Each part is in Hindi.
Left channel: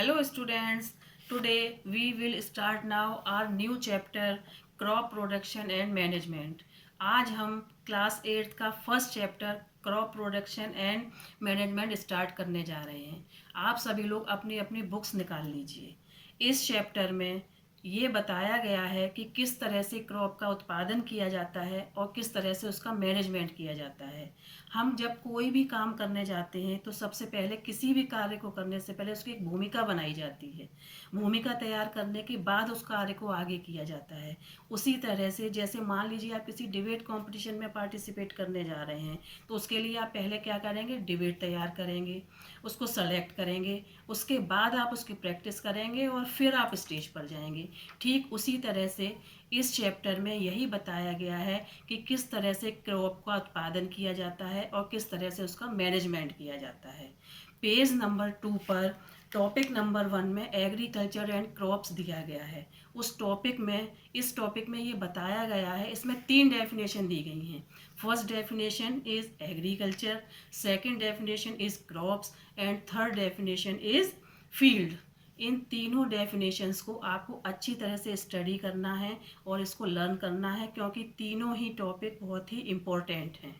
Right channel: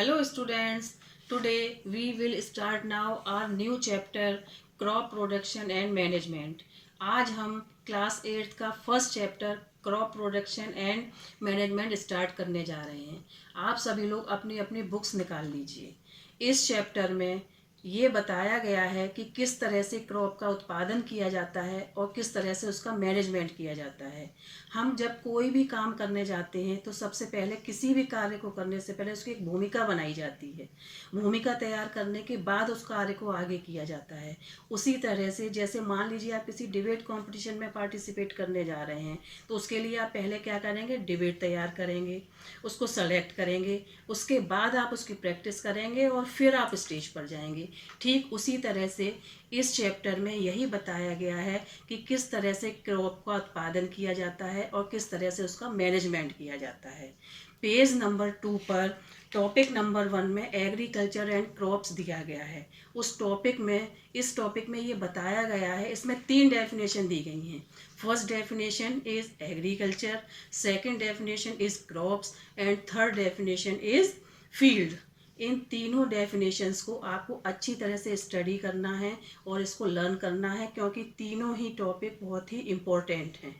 Hello students, today we will start now our new chapter crop production and management. आज हम क्लास 8 का first chapter crop production and management start करने जा रहे हैं। आप सभी लोग अपनी अपनी बुक्स निकाल लीजिए। इस चैप्टर में ये बताया गया है कि किस तरह से क्रॉप का उत्पादन किया जाता है और किस तरह से उसका मैनेजमेंट किया जाता है। हम जब कोई भी काम करने जाते हैं तो सबसे पहले किसी भी कार्य को करने से पहले उसकी एक भूमिका बनाई जाती है। भूमिका तैयार करने के बाद उस कार्य को आगे किया जाता है। उसी तरह से जैसे मान लीजिए आप किसी डिबेट कंपटीशन में पार्टिसिपेट करने जा रहे हैं तो उसके लिए आप पहले क्या करेंगे, डिबेट तैयार करेंगे, उसको सेलेक्ट करेंगे, उसके बाद आप उसकी प्रैक्टिस करेंगे और फिर आप स्टेज पर जाएंगे। ठीक उसी तरह से इस चैप्टर में यही बताया गया है कि किस तरह से क्रॉप का उत्पादन किया जाता है और किस तरह से उसका मैनेजमेंट किया जाता है। पेज नंबर 2 पर टॉपिक नंबर 1 में एग्रीकल्चर एंड क्रॉप्स दिया गया है। इस टॉपिक में ये बताया गया है, इसमें 3 डेफिनेशन दी गई हैं। First definition is agriculture, second definition is crops and third definition is field. इन तीनों डेफिनेशंस को आपको अच्छी तरह से स्टडी करना है और इसको लर्न करना है, क्योंकि तीनों ही टॉपिक बहुत ही इम्पोर्टेंट हैं।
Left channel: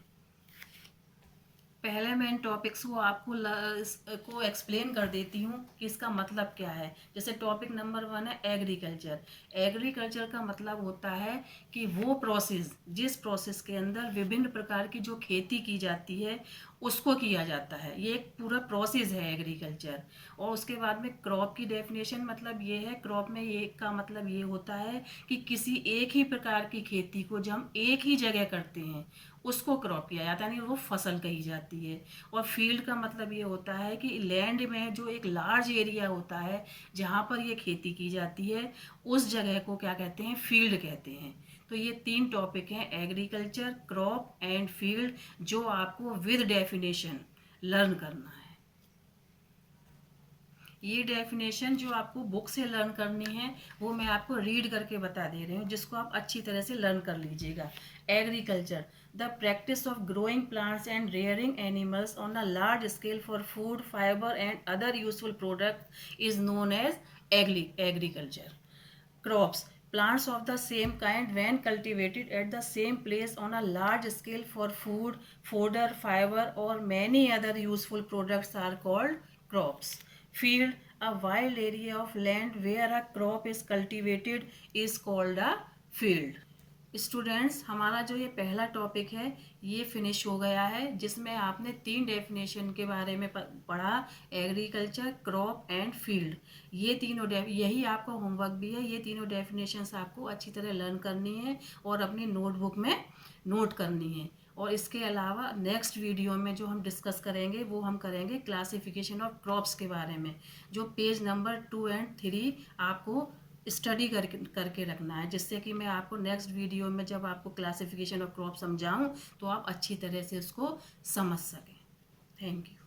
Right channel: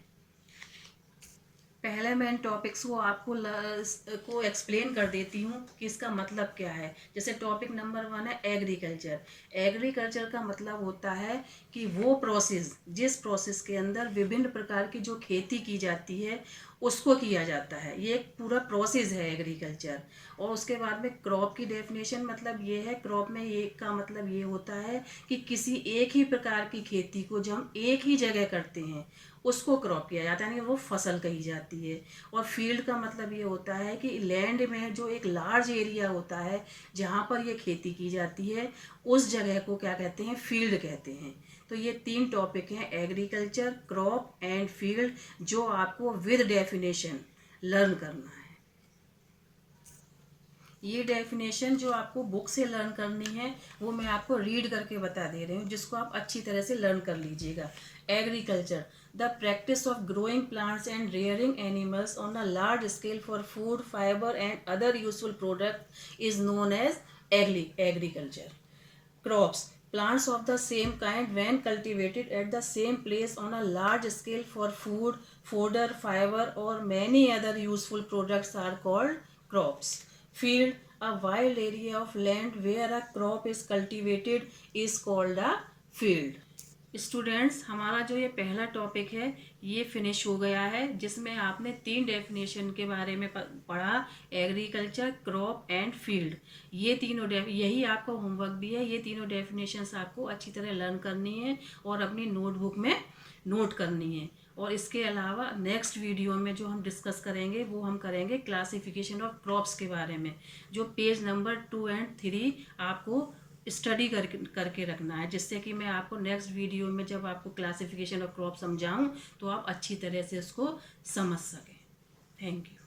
पहले मैं इन टॉपिक्स को आपको एक्सप्लेन कर देती हूँ कि इसका मतलब क्या है। जैसे टॉपिक नंबर 1 है एग्रीकल्चर। एग्रीकल्चर का मतलब होता है कि वो प्रोसेस, जिस प्रोसेस के अंदर विभिन्न प्रकार की जो खेती की जाती है उसको किया जाता है। ये एक पूरा प्रोसेस है एग्रीकल्चर। और उसके बाद में क्रॉप की डेफिनेशन मतलब ये है, क्रॉप में ये का मतलब ये होता है कि किसी एक ही प्रकार की खेती को जब हम एक ही जगह करते हैं उसको क्रॉप किया जाता है, यानी वो फसल कही जाती है। और फील्ड का मतलब ये होता है कि लैंड में जो एक लार्ज एरिया होता है जहाँ पर ये खेती की जाती है उस जगह को क्या कहते हैं, फील्ड कहते हैं। तो ये 3 टॉपिक हैं, एग्रीकल्चर, क्रॉप एंड फील्ड, जो आपको विद डेफिनेशन लर्न करना है। ये डेफिनेशन जो आपको बुक से लर्न करनी है वो मैं आपको रीड करके बता दे रही हूँ, जिसको आप अच्छी तरह से लर्न कर लीजिएगा। Agriculture, the practice of growing plants and rearing animals on a large scale for food, fibre and other useful product is known as agriculture. Crops, plants of the same kind when cultivated at the same place on a large scale for food, fodder, fiber or many other useful products are called crops. Field, a wild area of land where a crop is cultivated is called a field. Students, हमारा जो ये पहला टॉपिक है ये फिनिश हो गया है, जिसमें आपने 3 डेफिनेशन के बारे में पढ़ा, एग्रीकल्चर, क्रॉप एंड फील्ड। ये तीनों यही आपका होमवर्क भी है। ये तीनों डेफिनेशंस आपको अच्छी तरह लर्न करनी है और अपनी नोटबुक में नोट करनी है। और इसके अलावा नेक्स्ट वीडियो में जो हम डिस्कस करेंगे वो हम करेंगे क्लासिफिकेशन ऑफ क्रॉप्स के बारे में, जो पेज नंबर 2 एंड 3 आपको स्टडी करके रखना है, जिससे कि मैं आपको नेक्स्ट वीडियो में जब आपको क्लासिफिकेशन ऑफ क्रॉप समझाऊं तो आप अच्छी तरह से उसको समझ सकें। Thank you.